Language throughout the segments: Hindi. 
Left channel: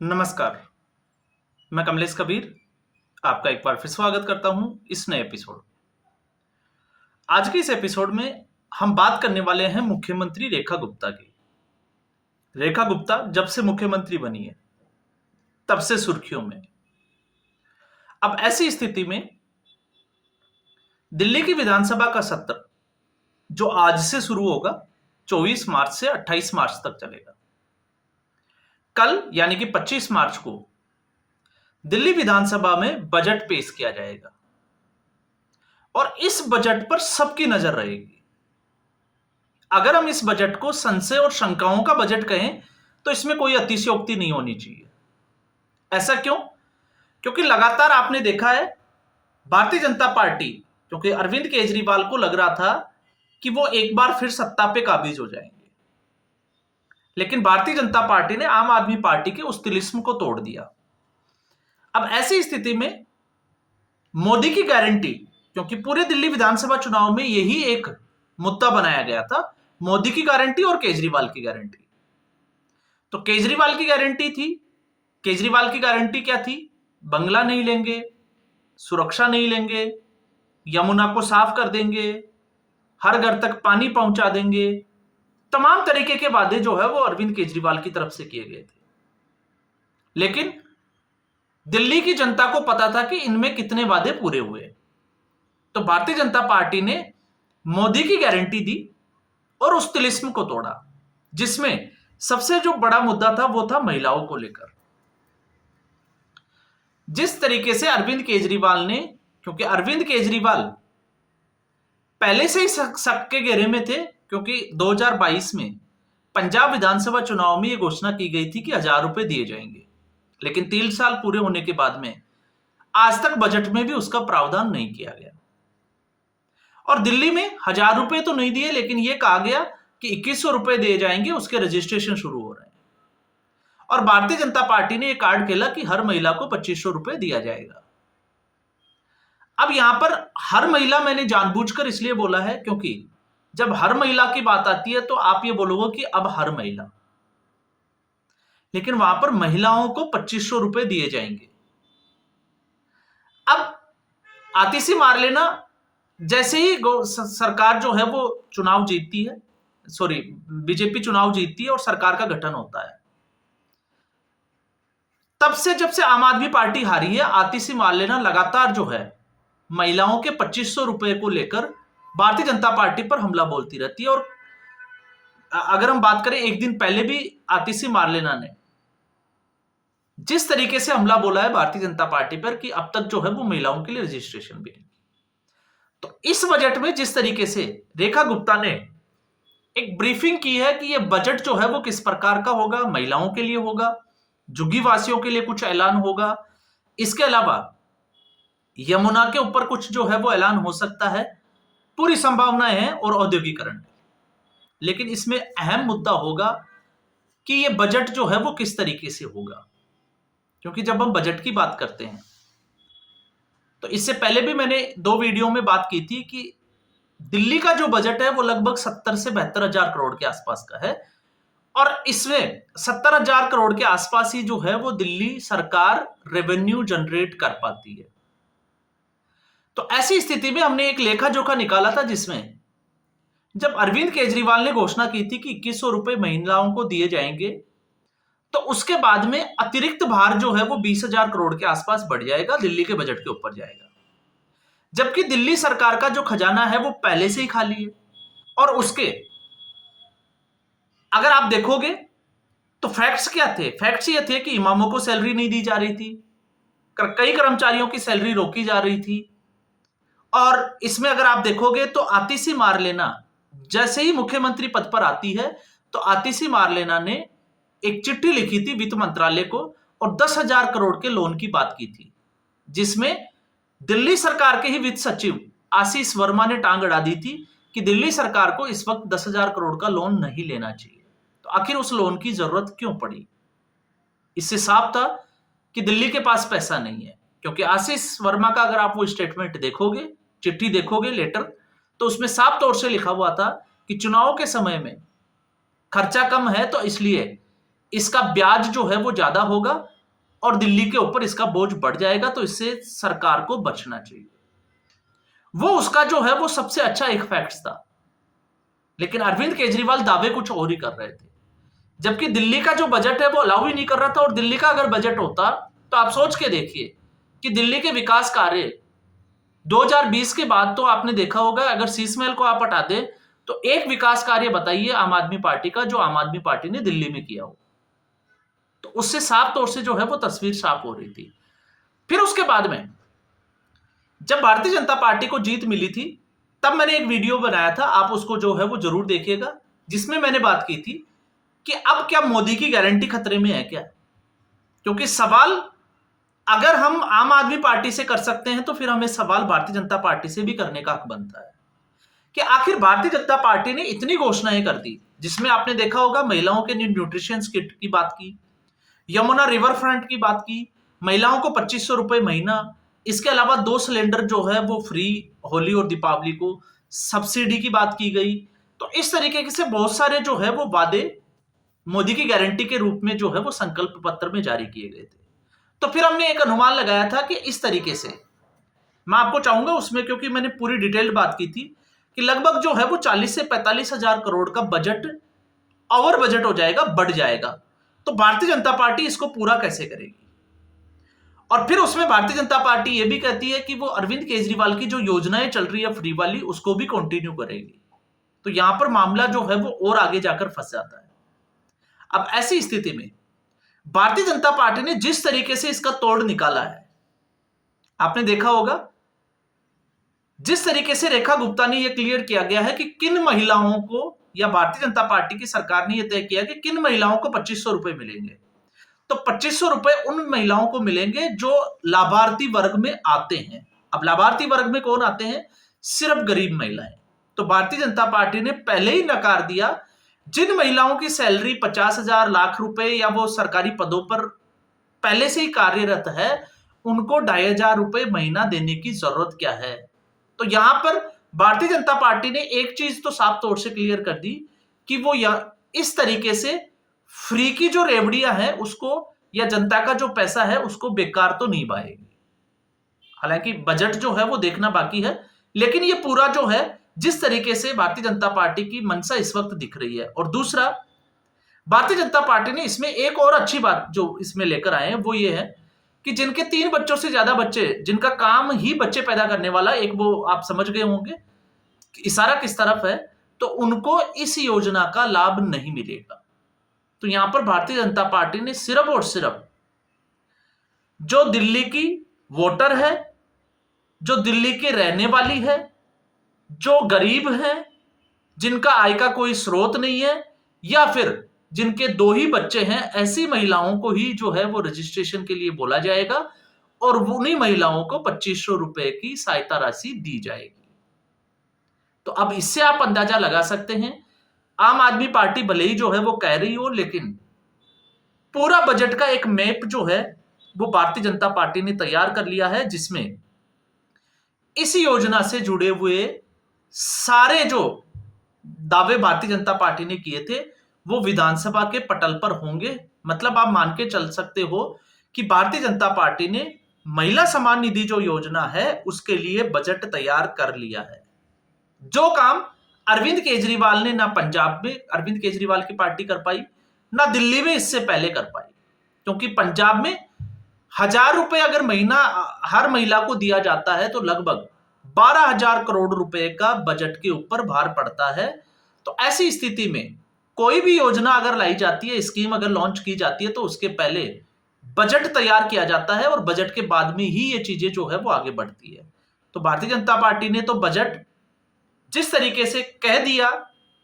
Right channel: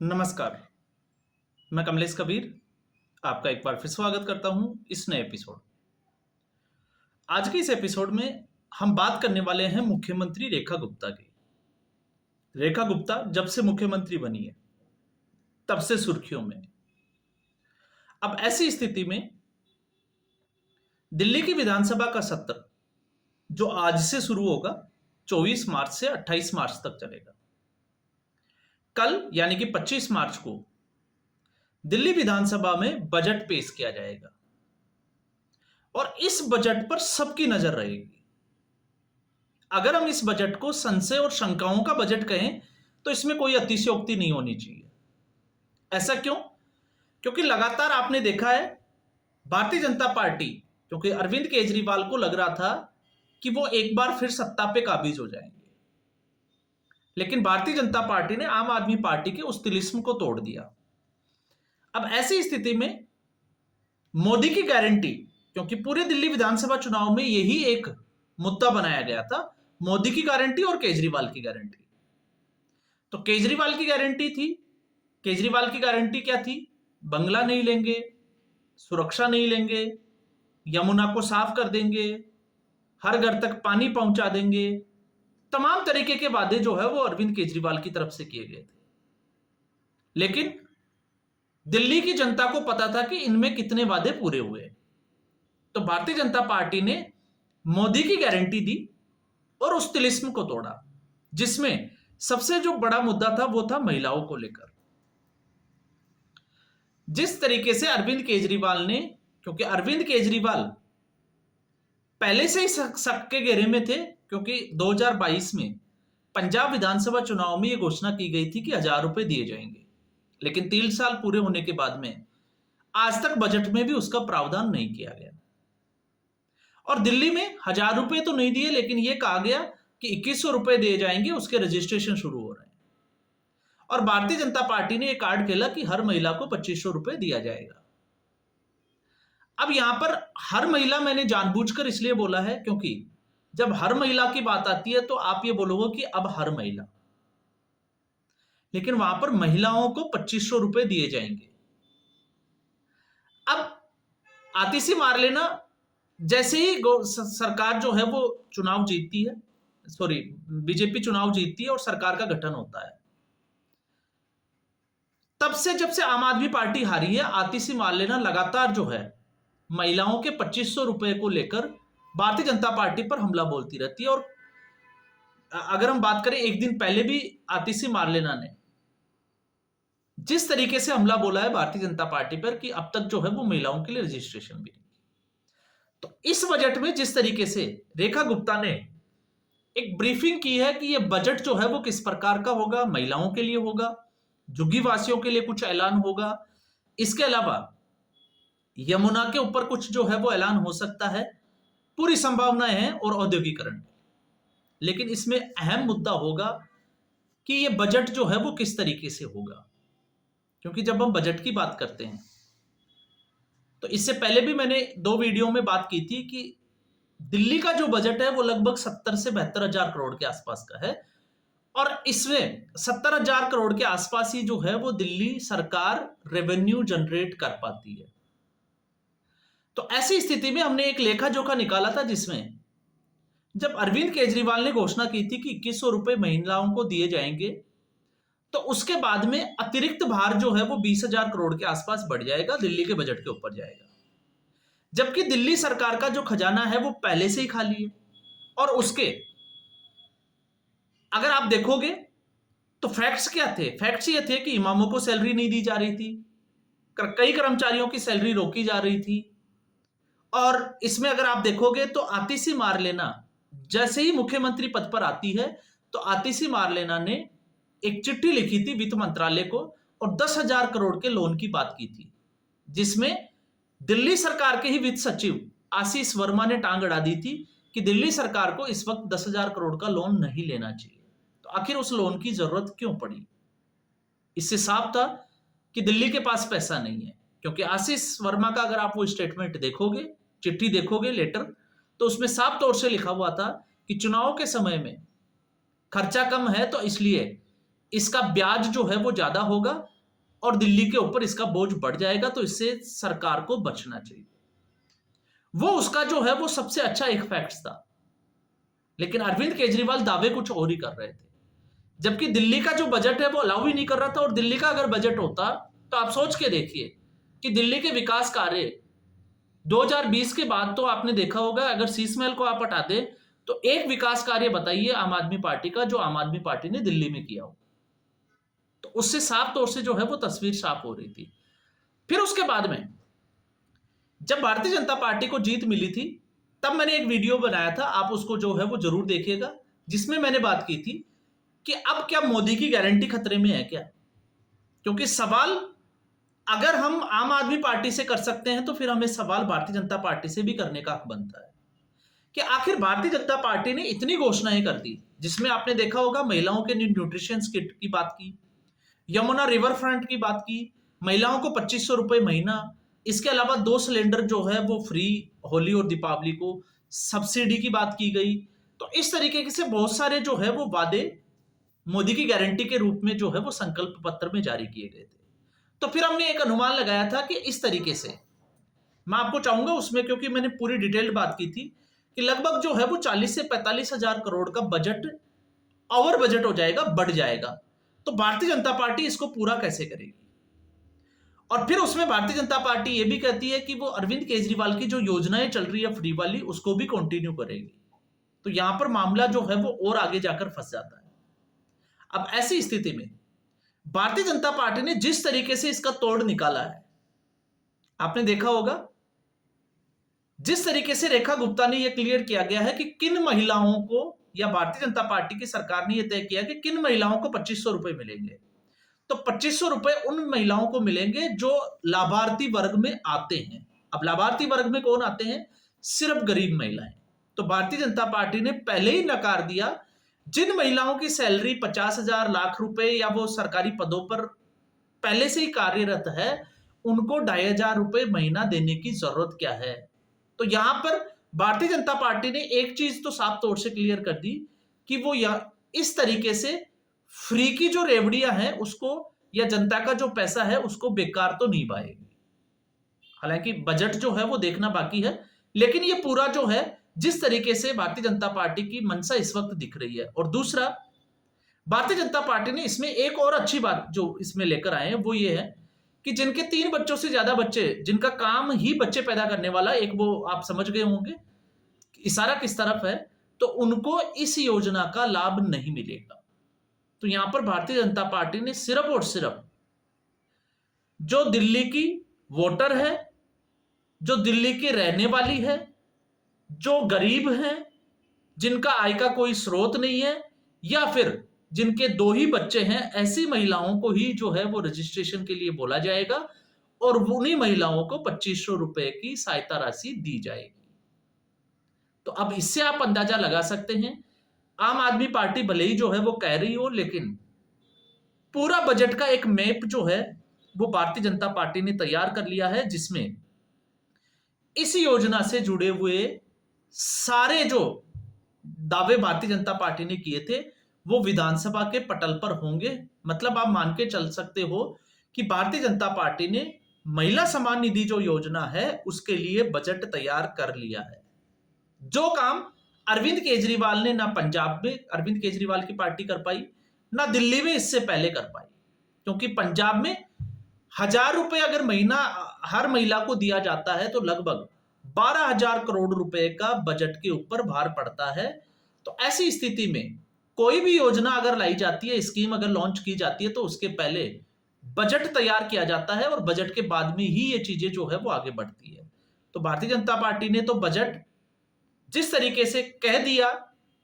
नमस्कार, मैं कमलेश कबीर आपका एक बार फिर स्वागत करता हूं इस नए एपिसोड। आज के इस एपिसोड में हम बात करने वाले हैं मुख्यमंत्री रेखा गुप्ता की। रेखा गुप्ता जब से मुख्यमंत्री बनी है तब से सुर्खियों में। अब ऐसी स्थिति में दिल्ली की विधानसभा का सत्र जो आज से शुरू होगा 24 मार्च से 28 मार्च तक चलेगा। कल यानी कि 25 मार्च को दिल्ली विधानसभा में बजट पेश किया जाएगा और इस बजट पर सबकी नजर रहेगी। अगर हम इस बजट को संशय और शंकाओं का बजट कहें तो इसमें कोई अतिशयोक्ति नहीं होनी चाहिए। ऐसा क्यों? क्योंकि लगातार आपने देखा है भारतीय जनता पार्टी, क्योंकि अरविंद केजरीवाल को लग रहा था कि वो एक बार फिर सत्ता पे काबिज हो जाएंगे, लेकिन भारतीय जनता पार्टी ने आम आदमी पार्टी के उस तिलिस्म को तोड़ दिया। अब ऐसी स्थिति में मोदी की गारंटी, क्योंकि पूरे दिल्ली विधानसभा चुनाव में यही एक मुद्दा बनाया गया था, मोदी की गारंटी और केजरीवाल की गारंटी। तो केजरीवाल की गारंटी थी, केजरीवाल की गारंटी क्या थी? बंगला नहीं लेंगे, सुरक्षा नहीं लेंगे, यमुना को साफ कर देंगे, हर घर तक पानी पहुंचा देंगे। तमाम तरीके के वादे जो है वो अरविंद केजरीवाल की तरफ से किए गए थे। लेकिन दिल्ली की जनता को पता था कि इनमें कितने वादे पूरे हुए। तो भारतीय जनता पार्टी ने मोदी की गारंटी दी और उस तिलिस्म को तोड़ा, जिसमें सबसे जो बड़ा मुद्दा था वो था महिलाओं को लेकर। जिस तरीके से अरविंद केजरीवाल ने, क्योंकि अरविंद केजरीवाल पहले से ही शक के घेरे में थे, क्योंकि 2022 में पंजाब विधानसभा चुनाव में यह घोषणा की गई थी कि 1000 रुपए दिए जाएंगे, लेकिन 3 साल पूरे होने के बाद में आज तक बजट में भी उसका प्रावधान नहीं किया गया। और दिल्ली में 1000 रुपए तो नहीं दिए, लेकिन यह कहा गया कि 2100 रुपए दिए जाएंगे, उसके रजिस्ट्रेशन शुरू हो रहे हैं। और भारतीय जनता पार्टी ने यह कार्ड खेला कि हर महिला को 2500 रुपए दिया जाएगा। अब यहां पर हर महिला मैंने जानबूझकर इसलिए बोला है क्योंकि जब हर महिला की बात आती है तो आप ये बोलोगे कि अब हर महिला, लेकिन वहां पर महिलाओं को 2500 रुपए दिए जाएंगे। अब आतिशी मार लेना, जैसे ही सरकार जो है वो चुनाव जीतती है, सॉरी बीजेपी चुनाव जीतती है और सरकार का गठन होता है, तब से जब से आम आदमी पार्टी हारी है, आतिशी मार लेना लगातार जो है महिलाओं के 2500 रुपए को लेकर भारतीय जनता पार्टी पर हमला बोलती रहती है। और अगर हम बात करें, एक दिन पहले भी आतिशी मार लेना ने जिस तरीके से हमला बोला है भारतीय जनता पार्टी पर कि अब तक जो है वो महिलाओं के लिए रजिस्ट्रेशन भी नहीं। तो इस बजट में जिस तरीके से रेखा गुप्ता ने एक ब्रीफिंग की है कि यह बजट जो है वो किस प्रकार का होगा, महिलाओं के लिए होगा, झुग्गी वासियों के लिए कुछ ऐलान होगा, इसके अलावा यमुना के ऊपर कुछ जो है वो ऐलान हो सकता है, पूरी संभावनाएं हैं, और औद्योगिकरण। लेकिन इसमें अहम मुद्दा होगा कि ये बजट जो है वो किस तरीके से होगा, क्योंकि जब हम बजट की बात करते हैं तो इससे पहले भी मैंने 2 वीडियो में बात की थी कि दिल्ली का जो बजट है वो लगभग 70 से 72 हजार करोड़ के आसपास का है, और इसमें 70 हजार करोड़ के आसपास ही जो है वो दिल्ली सरकार रेवेन्यू जनरेट कर पाती है। तो ऐसी स्थिति में हमने एक लेखा जोखा निकाला था, जिसमें जब अरविंद केजरीवाल ने घोषणा की थी कि 2100 रुपए महिलाओं को दिए जाएंगे, तो उसके बाद में अतिरिक्त भार जो है वो 20,000 करोड़ के आसपास बढ़ जाएगा, दिल्ली के बजट के ऊपर जाएगा। जबकि दिल्ली सरकार का जो खजाना है वो पहले से ही खाली है, और उसके अगर आप देखोगे तो फैक्ट्स क्या थे? फैक्ट्स ये थे कि इमामों को सैलरी नहीं दी जा रही थी, कई कर्मचारियों की सैलरी रोकी जा रही थी, और इसमें अगर आप देखोगे तो आतिशी मार लेना जैसे ही मुख्यमंत्री पद पर आती है तो आतिशी मार लेना ने एक चिट्ठी लिखी थी वित्त मंत्रालय को और 10,000 करोड़ के लोन की बात की थी, जिसमें दिल्ली सरकार के ही वित्त सचिव आशीष वर्मा ने टांग अड़ा दी थी कि दिल्ली सरकार को इस वक्त 10,000 करोड़ का लोन नहीं लेना चाहिए। तो आखिर उस लोन की जरूरत क्यों पड़ी? इससे साफ था कि दिल्ली के पास पैसा नहीं है, क्योंकि आशीष वर्मा का अगर आप वो स्टेटमेंट देखोगे, चिट्ठी देखोगे, लेटर, तो उसमें साफ तौर से लिखा हुआ था कि चुनाव के समय में खर्चा कम है तो इसलिए इसका ब्याज जो है वो ज्यादा होगा और दिल्ली के ऊपर इसका बोझ बढ़ जाएगा, तो इससे सरकार को बचना चाहिए। वो उसका जो है वो सबसे अच्छा एक फैक्ट्स था। लेकिन अरविंद केजरीवाल दावे कुछ और ही कर रहे थे, जबकि दिल्ली का जो बजट है वो अलाउ ही नहीं कर रहा था। और दिल्ली का अगर बजट होता तो आप सोच के देखिए कि दिल्ली के विकास कार्य 2020 के बाद तो आपने देखा होगा, अगर शीश महल को आप हटा दें तो एक विकास कार्य बताइए आम आदमी पार्टी का जो आम आदमी पार्टी ने दिल्ली में किया हो। तो उससे साफ तौर से जो है वो तस्वीर साफ हो रही थी। फिर उसके बाद में जब भारतीय जनता पार्टी को जीत मिली थी, तब मैंने एक वीडियो बनाया था, आप उसको जो है वो जरूर देखिएगा, जिसमें मैंने बात की थी कि अब क्या मोदी की गारंटी खतरे में है क्या। क्योंकि सवाल अगर हम आम आदमी पार्टी से कर सकते हैं तो फिर हमें सवाल भारतीय जनता पार्टी से भी करने का हक बनता है कि आखिर भारतीय जनता पार्टी ने इतनी घोषणाएं कर दी, जिसमें आपने देखा होगा महिलाओं के न्यूट्रिशन किट की बात की, यमुना रिवर फ्रंट की बात की, महिलाओं को 2500 रुपए महीना, इसके अलावा 2 सिलेंडर जो है वो फ्री होली और दीपावली को, सब्सिडी की बात की गई। तो इस तरीके से बहुत सारे जो है वो वादे मोदी की गारंटी के रूप में जो है वो संकल्प पत्र में जारी किए गए थे। तो फिर हमने एक अनुमान लगाया था कि इस तरीके से, मैं आपको चाहूंगा उसमें, क्योंकि मैंने पूरी डिटेल्ड बात की थी कि लगभग जो है वो 40 से 45 हजार करोड़ का बजट ओवर बजट हो जाएगा, बढ़ जाएगा। तो भारतीय जनता पार्टी इसको पूरा कैसे करेगी। और फिर उसमें भारतीय जनता पार्टी ये भी कहती है कि वो अरविंद केजरीवाल की जो योजनाएं चल रही है फ्री वाली, उसको भी कंटिन्यू करेगी। तो यहां पर मामला जो है वो और आगे जाकर फंस जाता है। अब ऐसी स्थिति में भारतीय जनता पार्टी ने जिस तरीके से इसका तोड़ निकाला है, आपने देखा होगा, जिस तरीके से रेखा गुप्ता ने यह क्लियर किया गया है कि किन महिलाओं को, या भारतीय जनता पार्टी की सरकार ने यह तय किया कि किन महिलाओं को 2500 रुपए मिलेंगे। तो 2500 रुपए उन महिलाओं को मिलेंगे जो लाभार्थी वर्ग में आते हैं। अब लाभार्थी वर्ग में कौन आते हैं? सिर्फ गरीब महिलाएं। तो भारतीय जनता पार्टी ने पहले ही नकार दिया, जिन महिलाओं की सैलरी 50,000 लाख रुपए या वो सरकारी पदों पर पहले से ही कार्यरत है, उनको 2,500 रुपए महीना देने की जरूरत क्या है। तो यहां पर भारतीय जनता पार्टी ने एक चीज तो साफ तौर से क्लियर कर दी कि वो इस तरीके से फ्री की जो रेवड़ियां हैं उसको, या जनता का जो पैसा है उसको बेकार तो नहीं पाएगी। हालांकि बजट जो है वो देखना बाकी है, लेकिन ये पूरा जो है जिस तरीके से भारतीय जनता पार्टी की मंशा इस वक्त दिख रही है। और दूसरा, भारतीय जनता पार्टी ने इसमें एक और अच्छी बात जो इसमें लेकर आए हैं वो ये है कि जिनके 3 बच्चों से ज्यादा बच्चे, जिनका काम ही बच्चे पैदा करने वाला, एक वो आप समझ गए होंगे इशारा किस तरफ है, तो उनको इस योजना का लाभ नहीं मिलेगा। तो यहां पर भारतीय जनता पार्टी ने सिर्फ और सिर्फ जो दिल्ली की वोटर है, जो दिल्ली के रहने वाली है, जो गरीब हैं, जिनका आय का कोई स्रोत नहीं है, या फिर जिनके 2 ही बच्चे हैं, ऐसी महिलाओं को ही जो है वो रजिस्ट्रेशन के लिए बोला जाएगा और उन्हीं महिलाओं को 2500 रुपए की सहायता राशि दी जाएगी। तो अब इससे आप अंदाजा लगा सकते हैं, आम आदमी पार्टी भले ही जो है वो कह रही हो, लेकिन पूरा बजट का एक मैप जो है वो भारतीय जनता पार्टी ने तैयार कर लिया है, जिसमें इस योजना से जुड़े हुए सारे जो दावे भारतीय जनता पार्टी ने किए थे वो विधानसभा के पटल पर होंगे। मतलब आप मान के चल सकते हो कि भारतीय जनता पार्टी ने महिला सम्मान निधि जो योजना है उसके लिए बजट तैयार कर लिया है। जो काम अरविंद केजरीवाल ने ना पंजाब में अरविंद केजरीवाल की पार्टी कर पाई, ना दिल्ली में इससे पहले कर पाई, क्योंकि पंजाब में 1,000 रुपए अगर महीना हर महिला को दिया जाता है तो लगभग 12,000 करोड़ रुपए का बजट के ऊपर भार पड़ता है। तो ऐसी स्थिति में कोई भी योजना अगर लाई जाती है, स्कीम अगर लॉन्च की जाती है, तो उसके पहले बजट तैयार किया जाता है और बजट के बाद में ही ये चीजें जो है वो आगे बढ़ती है। तो भारतीय जनता पार्टी ने तो बजट जिस तरीके से कह दिया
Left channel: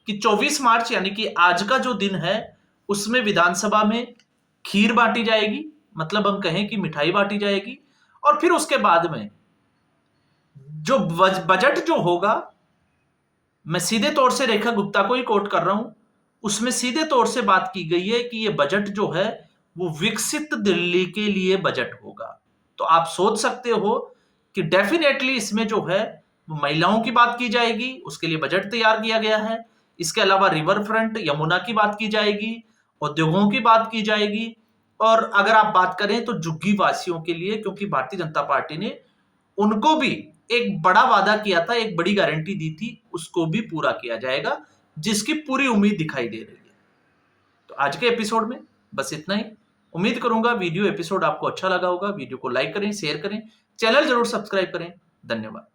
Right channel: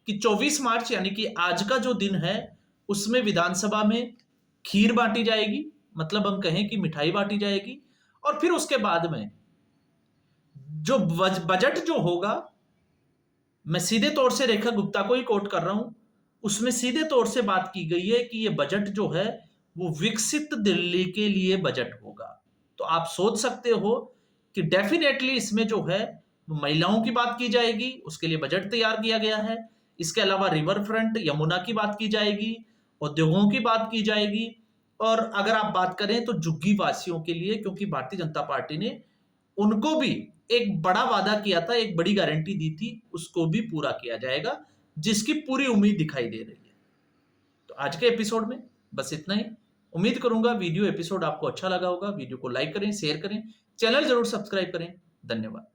कि 24 मार्च यानी कि आज का जो दिन है उसमें विधानसभा में खीर बांटी जाएगी, मतलब हम कहें कि मिठाई बांटी जाएगी, और फिर उसके बाद में जो बजट जो होगा, मैं सीधे तौर से रेखा गुप्ता को ही कोट कर रहा हूं, उसमें सीधे तौर से बात की गई है कि ये बजट जो है वो विकसित दिल्ली के लिए बजट होगा। तो आप सोच सकते हो कि डेफिनेटली इसमें जो है वो महिलाओं की बात की जाएगी, उसके लिए बजट तैयार किया गया है। इसके अलावा रिवर फ्रंट, यमुना की बात की जाएगी, उद्योगों की बात की जाएगी, और अगर आप बात करें तो झुग्गी वासियों के लिए, क्योंकि भारतीय जनता पार्टी ने उनको भी एक बड़ा वादा किया था, एक बड़ी गारंटी दी थी, उसको भी पूरा किया जाएगा, जिसकी पूरी उम्मीद दिखाई दे रही है। तो आज के एपिसोड में बस इतना ही। उम्मीद करूंगा वीडियो एपिसोड आपको अच्छा लगा होगा। वीडियो को लाइक करें, शेयर करें, चैनल जरूर सब्सक्राइब करें। धन्यवाद।